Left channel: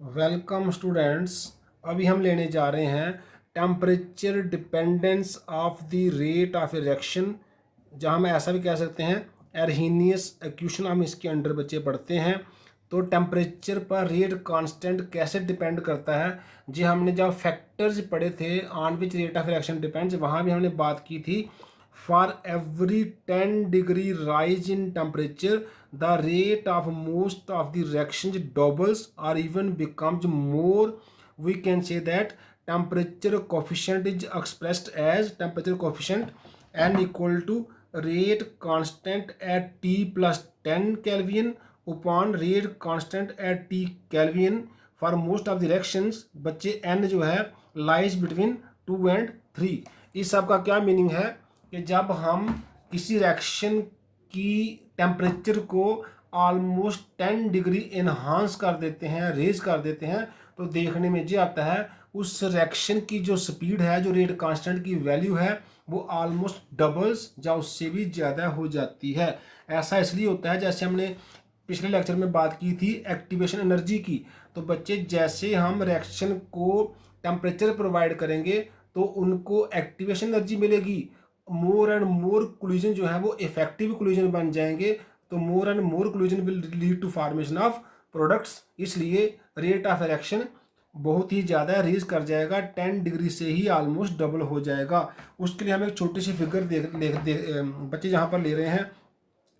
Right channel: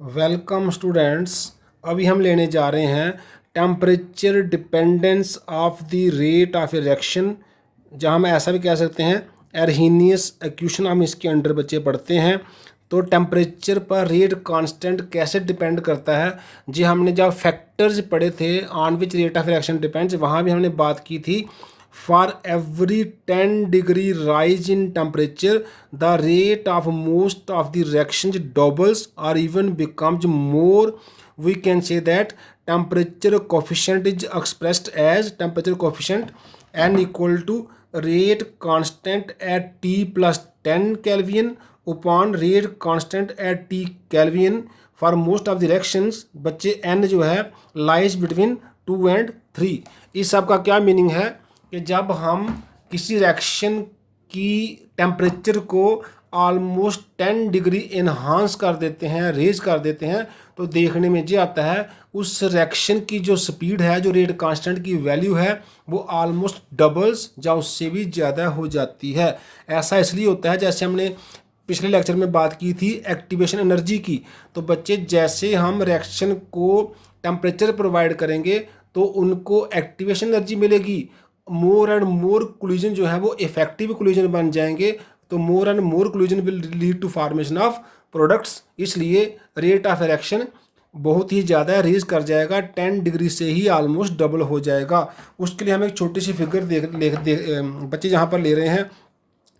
Welcome students. अभी हम लेने जा रहे हैं temperature dependence of the rate of reaction, जहाँ हम ऐसा भी कह सकते हैं एरहीनियस एक्वेशन हम इसके अंडर बच्चे पढ़ते हैं। तो टेम्परेचर पर रेट कांस्टेंट कैसे डिपेंड करता है, जी हमने जब फैक्टर्स पढ़े थे on which rate of reaction depends, वहाँ भी हमने बात की थी for every 10 degree rise in temperature the rate of most of the reactions doubles or even becomes more. We can say that temperature coefficient is expressed as temperature coefficient n equal to rate constant at t plus 10 Kelvin upon rate constant at t Kelvin for most of the reactions। बच्चे n जो है lies between 2 and 3। इस सब का क्या meaning है कि जब हम किसी रिएक्शन की टेम्परेचर को ऑलमोस्ट 10 डिग्री इन्हांस कर देते हैं, रेज कर देते हैं, तो देखने में ये आता है उस रिएक्शन की जो स्पीड है, जो रेट कांस्टेंट की वैल्यू है, वो ऑलमोस्ट डबल्स या उससे भी ज़्यादा हो जाती है। ऐसा इसलिए होता है, जैसे हमने पिछले लेक्चर में बात की थी एक्टिवेशन एनर्जी की। तो बच्चे जैसे हम रिएक्शन को टेम्परेचर प्रोवाइड करेंगे तो उनको एक्टिवेशन एनर्जी मिलेगी। मोर एंड मोर कोलिजन जो है वो इफेक्टिव कोलिजन बन जाएंगे, तो more and more collision will lead to formation of products. इसलिए रेट ऑफ रिएक्शन बहुत ही ज़्यादा रेज कर जाएगा, 10 डिग्री से ही ऑलमोस्ट डबल हो जाएगा। उसके लिए हम एक छोटी सी फिगर बच्चे जहाँ पर ले रहे हैं।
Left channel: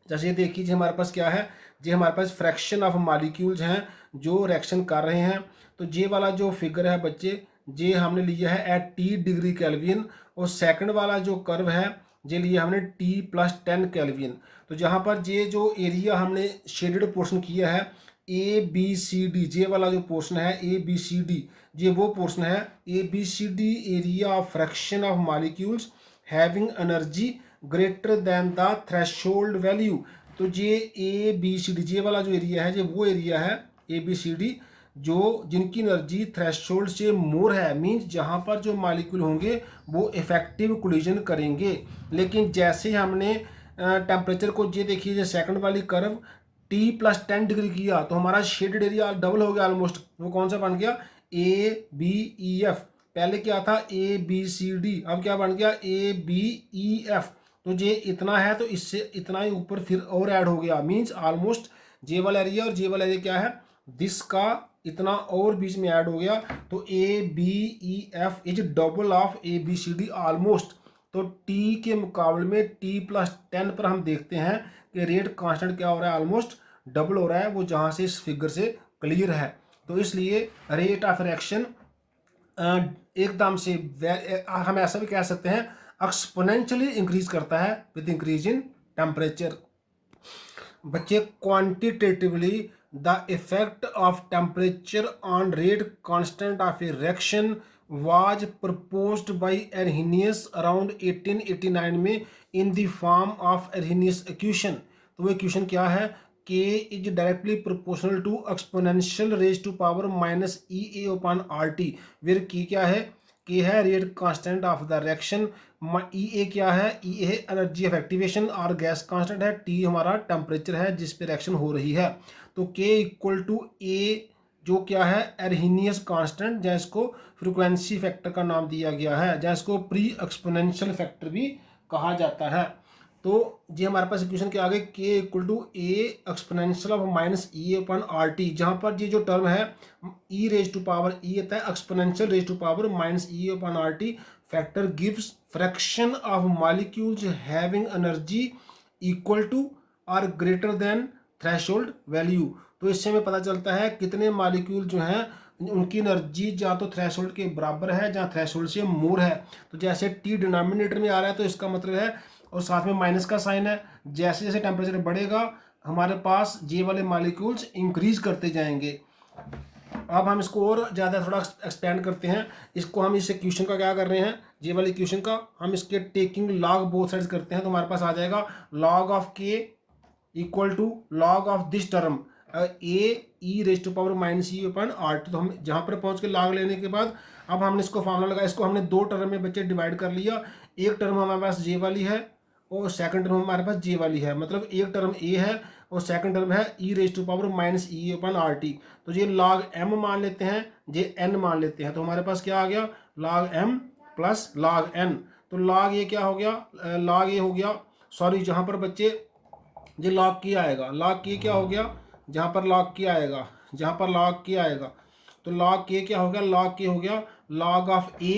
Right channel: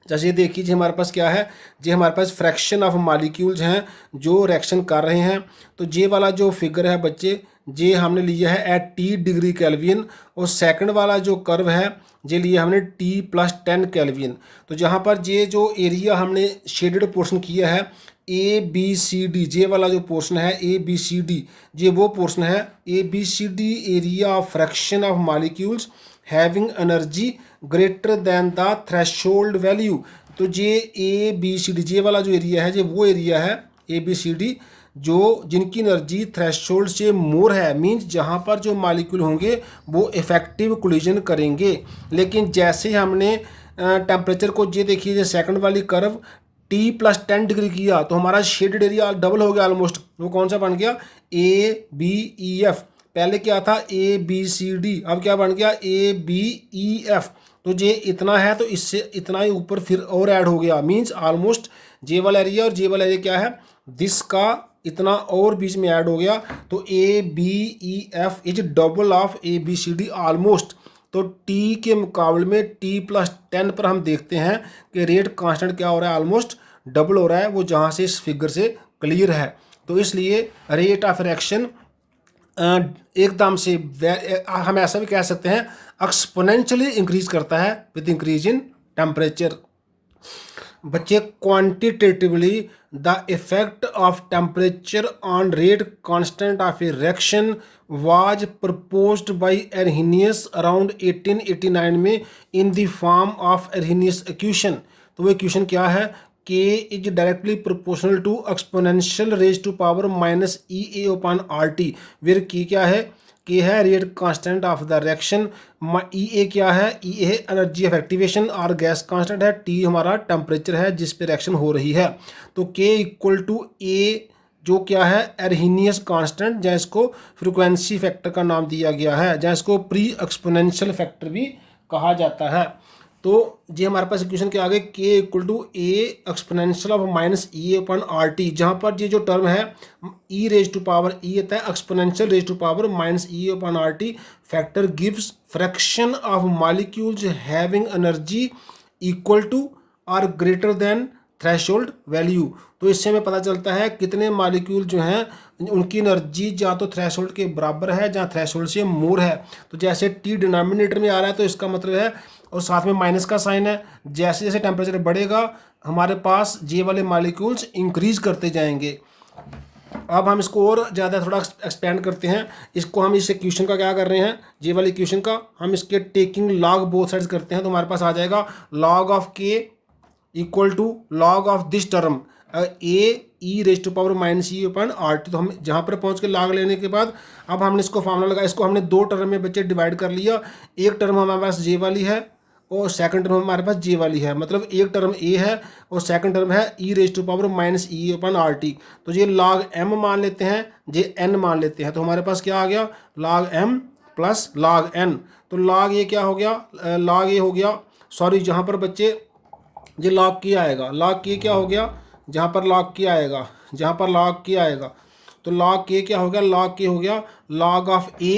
जैसे ये देखिए जी, हमारे पास क्या है जी, हमारे पास फ्रैक्शन ऑफ मॉलिक्यूल्स हैं जो रिएक्शन कर रहे हैं। तो जे वाला जो फिगर है बच्चे, जे हमने लिया है एट टी डिग्री केल्विन, और सेकंड वाला जो कर्व है जे लिया हमने टी प्लस 10 केल्विन। तो जहाँ पर जे जो एरिया हमने शेडेड पोर्शन किया है ए बी सी डी, जे वाला जो पोर्शन है ए बी सी डी, ये वो पोर्शन है A B C D area of fraction of molecules having energy greater than the threshold value. तो ये ए बी सी डी, जे वाला जो एरिया है, ये वो एरिया है ए बी सी डी जो जिनकी एनर्जी थ्रेशोल्ड से मोर है, मींस जहाँ पर जो मॉलिक्यूल होंगे वो इफेक्टिव कोलिजन करेंगे। लेकिन जैसे हमने टेम्परेचर को, ये देखिए ये सेकंड वाली कर्व टी प्लस 10 डिग्री किया तो हमारा शेडेड एरिया डबल हो गया ऑलमोस्ट। वो कौन सा बन गया, ए बी ई एफ। पहले क्या था ए बी सी डी, अब क्या बन गया ए बी ई एफ। तो ये इतना है तो इससे इतना ही ऊपर फिर और ऐड हो गया, मींस ऑलमोस्ट जे वाला एरिया और जे वाला एरिया क्या है, दिस का इतना और बीच में ऐड हो गया। तो A B E F is double of A B C D almost. तो टी के मुकाबले में टी प्लस 10 पर हम देखते हैं कि रेट कांस्टेंट क्या हो रहा है, ऑलमोस्ट डबल हो रहा है, वो जहाँ से इस फिगर से क्लियर है। तो इसलिए रेट ऑफ रिएक्शन एकदम से हम ऐसा भी कह सकते हैं एक्सपोनेंशियली इंक्रीज करता है विद इंक्रीज इन टेम्परेचर। बच्चे quantitatively the effect of temperature on rate constant of a reaction was proposed by Arrhenius around 1889 में in the form of Arrhenius equation. तो वो इक्वेशन क्या है, K is directly proportional to exponential raise to power minus E A upon R T, where K क्या है, K है rate constant of the reaction, E A क्या है, E A energy of activation, और gas constant है, T हमारा temperature है जिस पे रिएक्शन हो रही है। तो के इक्वल टू ए जो क्या है एरहीनियस कांस्टेंट, जहाँ इसको फ्रीक्वेंसी फैक्टर का नाम दिया गया है, जहाँ इसको प्री एक्सपोनेंशियल फैक्टर भी कहा जाता है। तो ये हमारे पास इक्वेशन के आगे K equal to A exponential of minus E upon R T, जहाँ पर ये जो टर्म है E raise to power E आता है exponential raise to power minus E upon R T, factor gives fraction of molecules having energy equal to और greater than threshold value. तो इससे हमें पता चलता है कितने मॉलिक्यूल जो हैं उनकी एनर्जी जहाँ तो थ्रेशोल्ड के बराबर है, जहाँ थ्रेशोल्ड से मोर है। तो जैसे टी डिनोमिनेटर में आ रहा है तो इसका मतलब है, और साथ में माइनस का साइन है, जैसे जैसे टेम्परेचर बढ़ेगा हमारे पास जे वाले मॉलिक्यूल्स इंक्रीज करते जाएंगे। अब हम इसको और ज़्यादा थोड़ा एक्सपेंड करते हैं। इसको हम इस इक्वेशन का क्या कर रहे हैं, जे वाले इक्वेशन का हम इसके टेकिंग लॉग बोथ साइड्स करते हैं। तो हमारे पास आ जाएगा log of K equal to log of this term A E raise to power minus E upon R T. तो हम जहाँ पर पहुँच के लॉग लेने के बाद अब हमने इसको फॉर्मूला लगा, इसको हमने दो टर्म में बच्चे डिवाइड कर लिया। एक टर्म हमारे पास जे वाली है और सेकंड टर्म हमारे पास जे वाली है, मतलब एक टर्म ए है और सेकंड टर्म है E raise to power minus E upon R T. तो ये log m मान लेते हैं, जे n मान लेते हैं, तो हमारे पास क्या आ गया log m plus log n। तो log ये क्या हो गया, log ये हो गया, सॉरी जहाँ पर बच्चे ये log की आएगा, log की क्या हो गया, जहाँ पर log की आएगा, जहाँ पर log की आएगा, तो log के क्या हो गया, log के हो गया log ऑफ a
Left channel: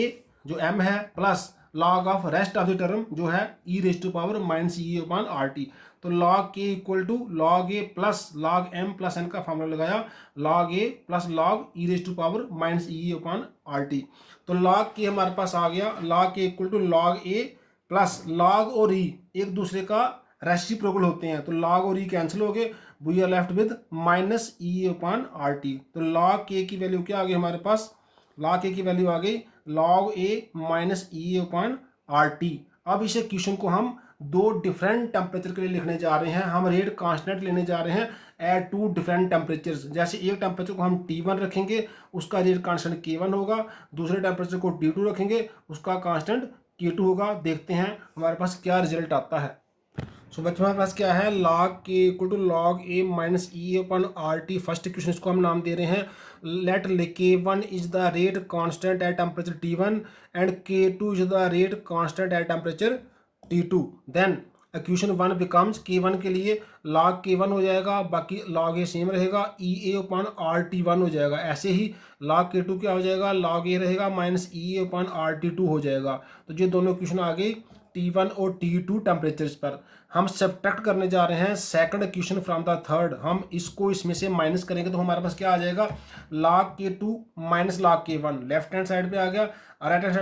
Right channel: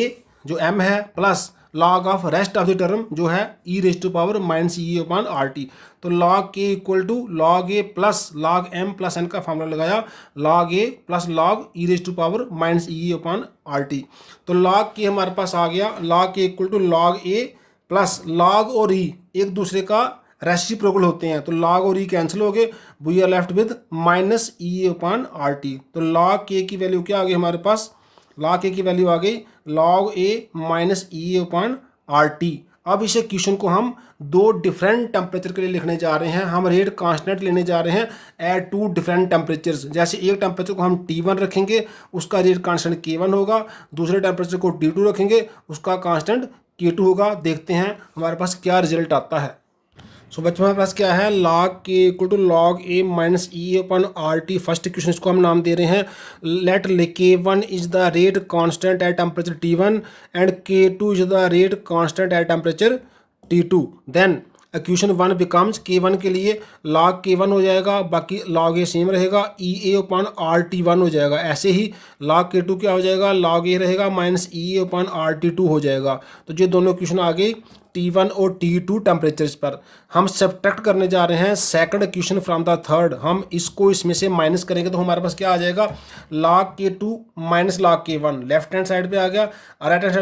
जो m है plus log of rest of the term जो है e raise to power minus E upon R T. तो log k equal to log a plus log m plus n का formula लगाया, log a plus log e raise to power minus E upon R T. तो log k हमारे पास आ गया, log k equal to log a plus log और e एक दूसरे का रेसिप्रोकल होते हैं, तो log और e कैंसिल हो गए, we are left with minus E upon R T. तो log k की वैल्यू क्या आ गई हमारे पास, log k की वैल्यू आ गई log a minus E upon R T. अब इस इक्वेशन को हम दो डिफरेंट टेम्परेचर के लिए लिखने जा रहे हैं, हम रेट कांस्टेंट लेने जा रहे हैं एट टू डिफरेंट टेम्परेचर्स। जैसे एक टेम्परेचर को हम T1 रखेंगे, उसका रेट कांस्टेंट K1 होगा, दूसरे टेम्परेचर को T2 रखेंगे, उसका कांस्टेंट K2 होगा। देखते हैं हमारे पास क्या रिजल्ट आता है। सो बच्चों हमारे पास क्या है, log k equal to log a minus E upon R T. First equation इसको हम नाम दे रहे हैं let k1 is the rate constant at temperature T1 and k2 is the rate constant at temperature T2। Then equation 1 becomes k1 के लिए log k1 हो जाएगा, बाकी log a सेम रहेगा, ई ए अपन आर टी 1 हो जाएगा। ऐसे ही log k2 क्या हो जाएगा, log a रहेगा minus E upon R T 2 हो जाएगा। तो ये दोनों इक्वेशन आ गई T1 और T2 टेम्परेचर्स पर। हम सब्ट्रैक्ट करने जा रहे हैं second equation from the third. हम इसको इसमें से माइनस करेंगे तो हमारे पास क्या आ जाएगा, log k2 minus log k1 left hand side पे आ गया, राइट हैंड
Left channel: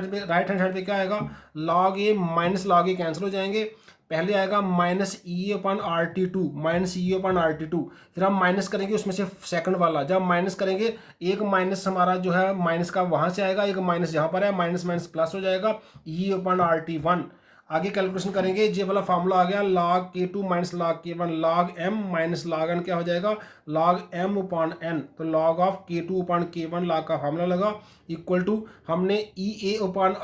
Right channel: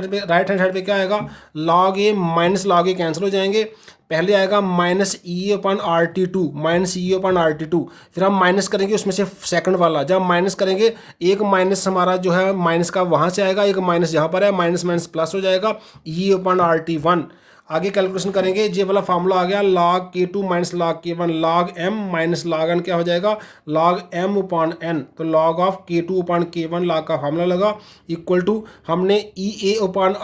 साइड पे क्या आएगा, log a minus log a cancel हो जाएंगे। पहले आएगा minus E upon R T two, minus E upon R T two, फिर हम माइनस करेंगे उसमें से सेकंड वाला। जब माइनस करेंगे एक माइनस हमारा जो है माइनस का वहाँ से आएगा, एक माइनस यहाँ पर है, माइनस माइनस प्लस हो जाएगा, ई अपन आर टी 1। आगे कैलकुलेशन करेंगे, ये वाला फार्मूला आ गया log k2 minus log k1 log m minus log n क्या हो जाएगा, log m upon n। तो log of k2 upon k1 log का फार्मूला लगा इक्वल टू हमने ई ए upon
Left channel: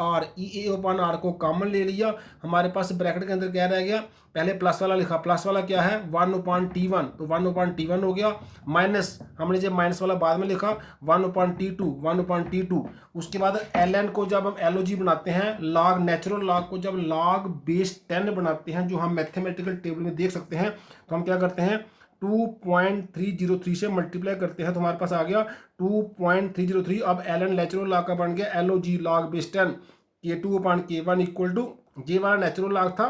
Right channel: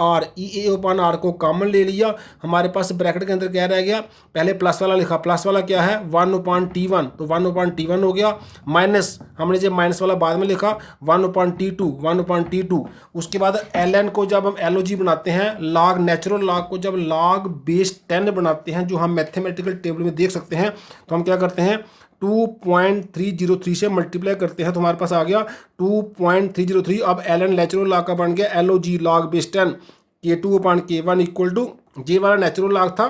r को कॉमन ले लिया, हमारे पास ब्रैकेट के अंदर क्या रह गया, पहले प्लस वाला लिखा, प्लस वाला क्या है 1 upon t1, तो 1 upon t1 हो गया, माइनस हमने जब माइनस वाला बाद में लिखा 1 upon t2, 1 upon t2। उसके बाद ln को जब हम LOG बनाते हैं, log नेचुरल log को जब log बेस 10 बनाते हैं, जो हम मैथमेटिकल टेबल में देख सकते हैं, तो हम क्या करते हैं 2.303 से मल्टीप्लाई करते हैं, तो हमारे पास आ गया 2.303। अब ln नेचुरल log का बन गया LOG log base 10 k2 upon k1 equal to J वाला नेचुरल log था,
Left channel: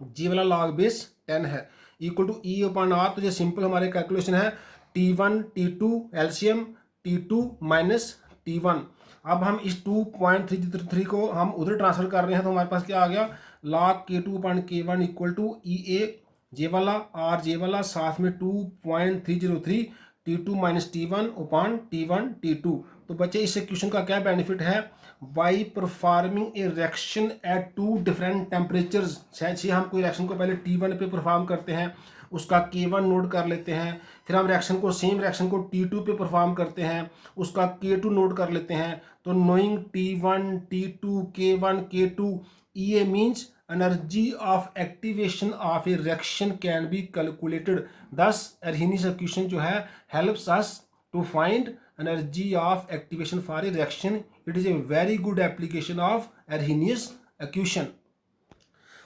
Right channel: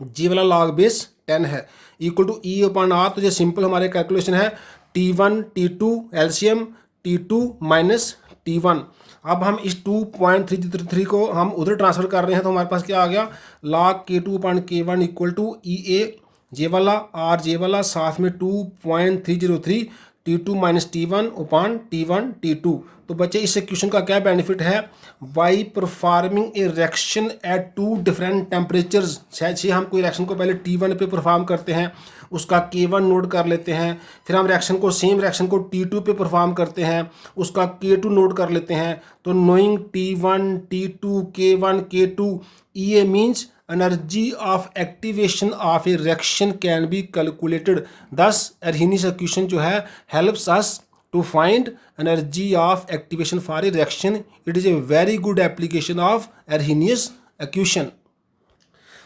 जी वाला log बेस 10 है, equal to E upon R. तो ये सिंपल हमारे कैलकुलेशन है T1 T2 LCM T2 minus T1। अब हम इस 2.303 को हम उधर ट्रांसफर कर रहे हैं, तो हमारे पास क्या आ गया log k2 upon k1 equal to E A J वाला आर जे वाला, साथ में 2.303 T2 minus T1 upon T1 T2। तो बच्चे इस इक्वेशन का क्या बेनिफिट है, by performing a reaction at two different temperatures. जैसे हम कोई रिएक्शन को पहले T1 पे परफॉर्म करते हैं, उसका K1 नोट कर लेते हैं, फिर हम रिएक्शन को सेम रिएक्शन को T2 पे परफॉर्म करते हैं, उसका K2 नोट कर लेते हैं। तो knowing T1 T2 K1 K2 EA means energy of activation of a reaction can be calculated। thus Arrhenius equation जो है helps us to find energy of activation for a reaction। it is a very good application of Arrhenius equation।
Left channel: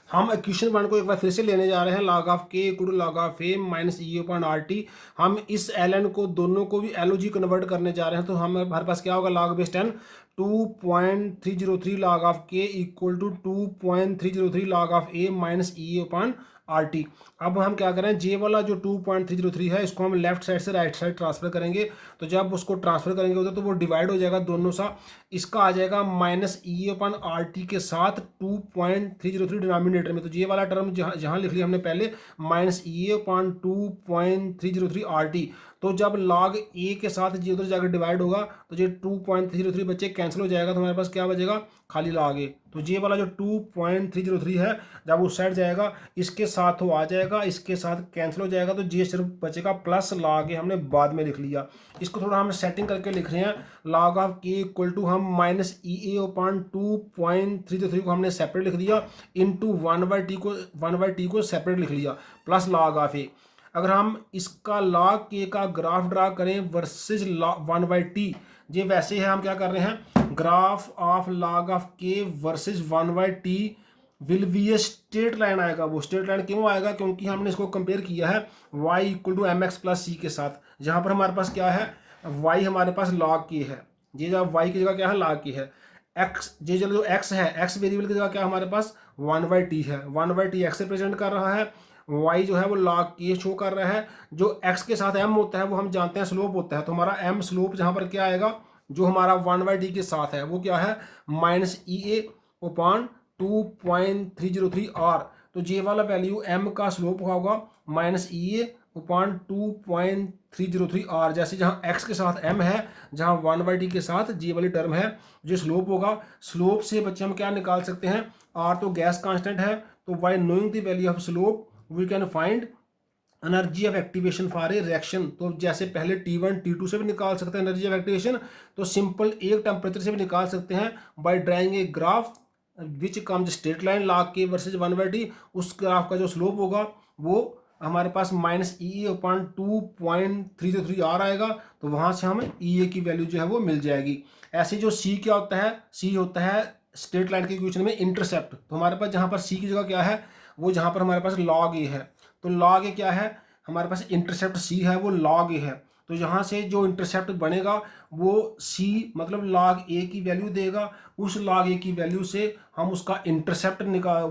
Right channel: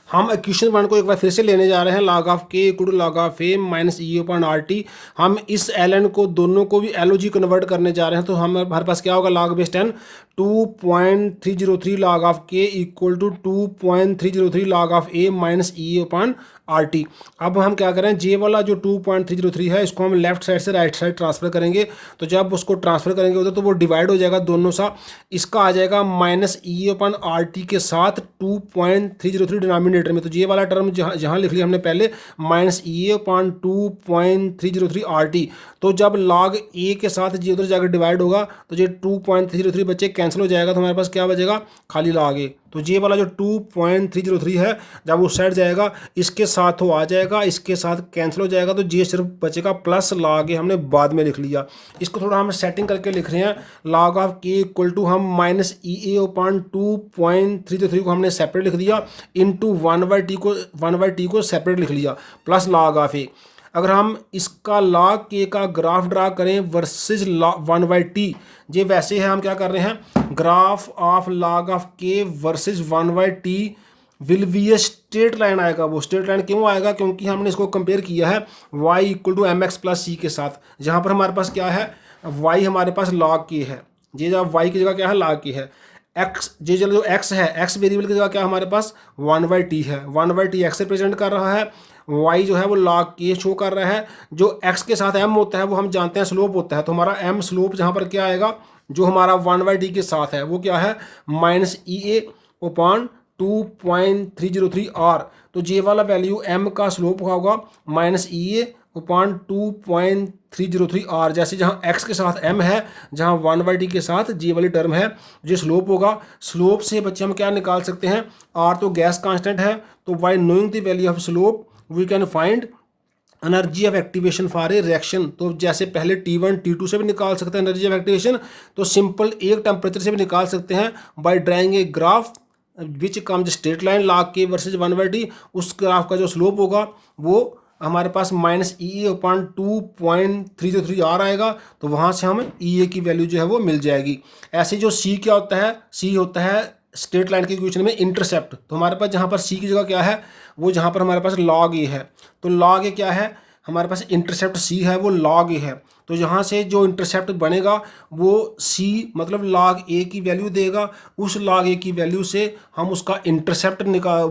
हम equation 1 को एक बार फिर से लेने जा रहे हैं, log of k equal to log of a minus E upon R T. हम इस ln को दोनों को भी LOG कन्वर्ट करने जा रहे हैं, तो हमारे पास क्या होगा log base 10 2.303 log of k equal to 2.303 log of a minus E upon R T. अब हम क्या करें, जे वाला जो 2.303 है इसको हम लेफ्ट साइड से राइट साइड ट्रांसफर करेंगे, तो जब उसको ट्रांसफर करेंगे उधर तो वो डिवाइड हो जाएगा दोनों सा, इसका आ जाएगा minus E upon R T के साथ 2.303 डिनोमिनेटर में। तो ये वाला टर्म जहाँ लिख लिया हमने पहले minus E upon 2.303 are T, तो जब log a के साथ जी उधर जाकर डिवाइड होगा तो ये 2.303 बच्चे कैंसिल हो जाएगा, तो हमारे पास क्या बचेगा, खाली log a। तो ये वाला जो 2.303 है जब उस साइड जाएगा इसके साथ वो आ जाएगा, इसके साथ कैंसिल हो जाएगा, तो ये सिर्फ बचेगा प्लस log a, हमने बाद में लिख लिया। इसको थोड़ा हम सेटिंग करके लिख रहे हैं, log of k equal to हम माइनस EA/2.303 को हमने सेपरेट लिख दिया, इंटू 1/t को सेपरेट लिख लिया, प्लस log ऑफ a। अगर हम इसका log k का ग्राफ ड्रा करें वर्सेज 1/t, ये वैसे है, हम क्या कर रहे हैं, graph of log of k versus 1/t will be a straight line आएगा। वो स्ट्रेट लाइन क्यों आएगा, क्योंकि हमने इसको कंपेयर किया है y equal to mx plus c के साथ, जहाँ पर हमारे पास क्या है, y हमारे पास log k है, ये जब y की जगह क्या है, log k है, x ये जो x है, x वेरिएबल की जगह क्या हमारे पास 1/t है, 1/t x रिप्रेजेंट कर रहा है, y जो है वो log k शो कर रहा है, जो x के साथ m होता है वो हम जानते हैं स्लोप होता है, तो हमारा m स्लोप जहाँ पर क्या आएगा, जो हमारा 1/t के साथ है वो क्या है, माइनस EA/2.303 r। तो ये वाला वैल्यू m का स्लोप होगा माइनस EA/2.303 r, जैसे जहाँ x के साथ m है, जहाँ 1/t के साथ g वाली टर्म है, ये स्लोप होगा। स्लोप से बच्चे हम क्या निकाल सकते हैं, r तो गैस कांस्टेंट है, तो by knowing the value of slope we can find energy of activation for a reaction. तो जैसे पहले T1 T2 से भी निकाल सकते हैं एनर्जी ऑफ एक्टिवेशन, तो सिंपल एक टेम्परेचर से भी निकाल सकते हैं by drawing a graph which comes straight line log k versus 1/t। उस ग्राफ का जो स्लोप होगा वो हमारे पास माइनस EA/2.303 r आएगा, तो वहाँ से हम EA की वैल्यू जो है वो मिल जाएगी। ऐसे जो C क्या होता है, C होता है स्ट्रेट लाइन के इक्वेशन में इंटरसेप्ट, तो हमारे पास जहाँ पर C की जगह क्या है, वो जहाँ पर हमारे पास log a है, तो log a क्या है, हमारे पास इंटरसेप्ट C है वो log a है, तो यहाँ से जो इंटरसेप्ट बनेगा वो C मतलब log a की वैल्यू देगा, उस log a की वैल्यू से हम उसका इंटरसेप्ट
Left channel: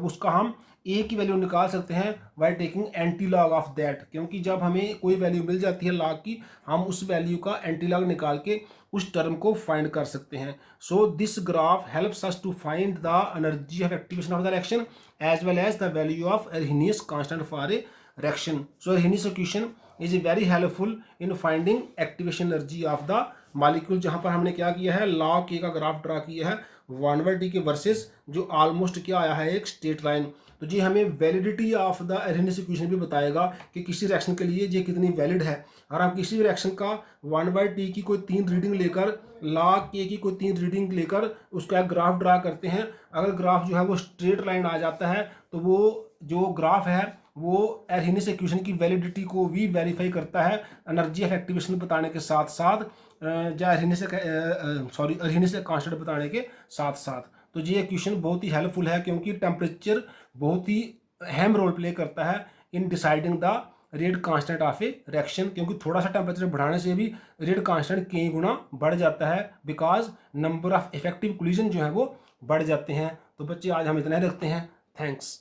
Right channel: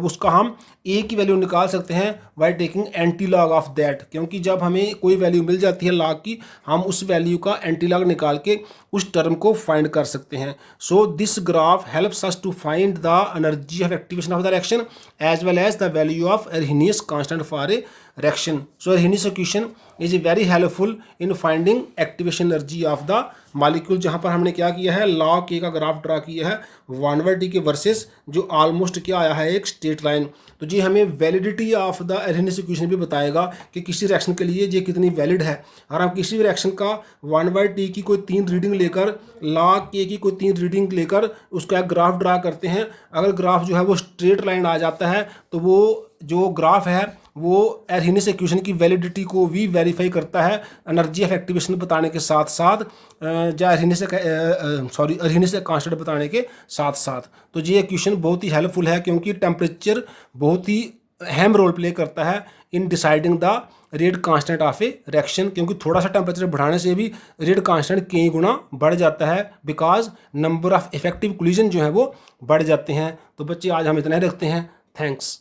उसका हम a की वैल्यू निकाल सकते हैं by taking anti log of that, क्योंकि जब हमें कोई वैल्यू मिल जाती है log की, हम उस वैल्यू का एंटी लॉग निकाल के उस टर्म को फाइंड कर सकते हैं। So this graph helps us to find the energy of activation of the reaction as well as the value of Arrhenius constant for a reaction. So Arrhenius equation is very helpful in finding activation energy of the molecule, जहाँ पर हमने क्या किया है, log k का graph draw किया है 1/t के वर्सेस जो ऑलमोस्ट क्या आया है, एक स्ट्रेट लाइन। तो जी हमें validity of the Arrhenius equation भी बताएगा कि किसी रिएक्शन के लिए ये कितनी वैलिड है। और हम किसी भी रिएक्शन का 1/t की कोई 3 रीडिंग लेकर, log k की कोई 3 रीडिंग लेकर उसका एक ग्राफ ड्रा करते हैं, अगर ग्राफ जो है वो स्ट्रेट लाइन आ जाता है तो वो जो ग्राफ है वो Arrhenius इक्वेशन की वैलिडिटी को भी वेरीफाई करता है, एनर्जी ऑफ एक्टिवेशन बताने के साथ साथ Arrhenius कांस्टेंट बताने के साथ साथ। तो ये इक्वेशन बहुत ही हेल्पफुल है, क्योंकि टेम्परेचर बहुत ही अहम रोल प्ले करता है in deciding the rate constant of a reaction, क्योंकि थोड़ा सा टेम्परेचर बढ़ाने से भी रेट कांस्टेंट कई गुना बढ़ जाता है, because number of effective collision जो है वो बढ़ जाते हैं। तो बच्चे आज हम इतना ही रखते हैं, थैंक्स।